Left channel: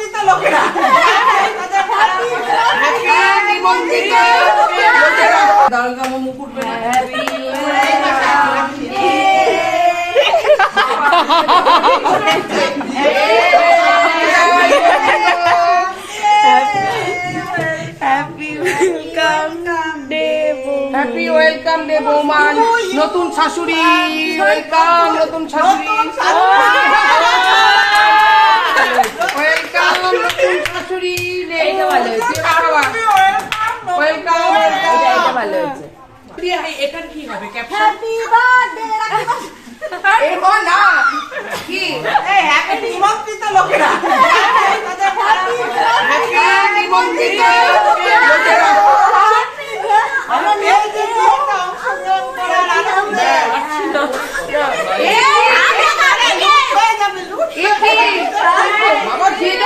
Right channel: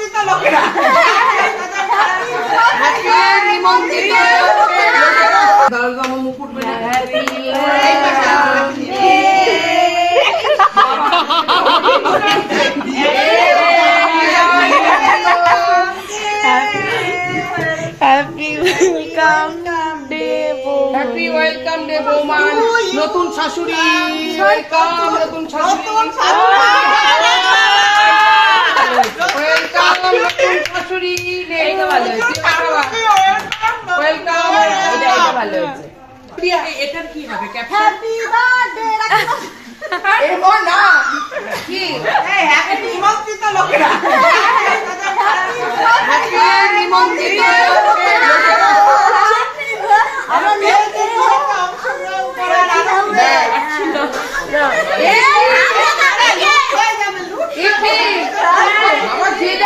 নিমন্ত্রিত লোকেরা নিমন্ত্রিত দাঁড়া মুকুট হ্যাপি ওয়েলকাম ডে বৌমান নতুন শাশুড়ি ওয়েলকাম নতুন শাশুড়ি ওয়েলকাম নতুন শাশুড়ি ওয়েলকাম এটা ভালো হয়েছে এটার কি হবে হ্যাপি বার্থডে এমন না কি হ্যাপি নিমন্ত্রিত লোকেরা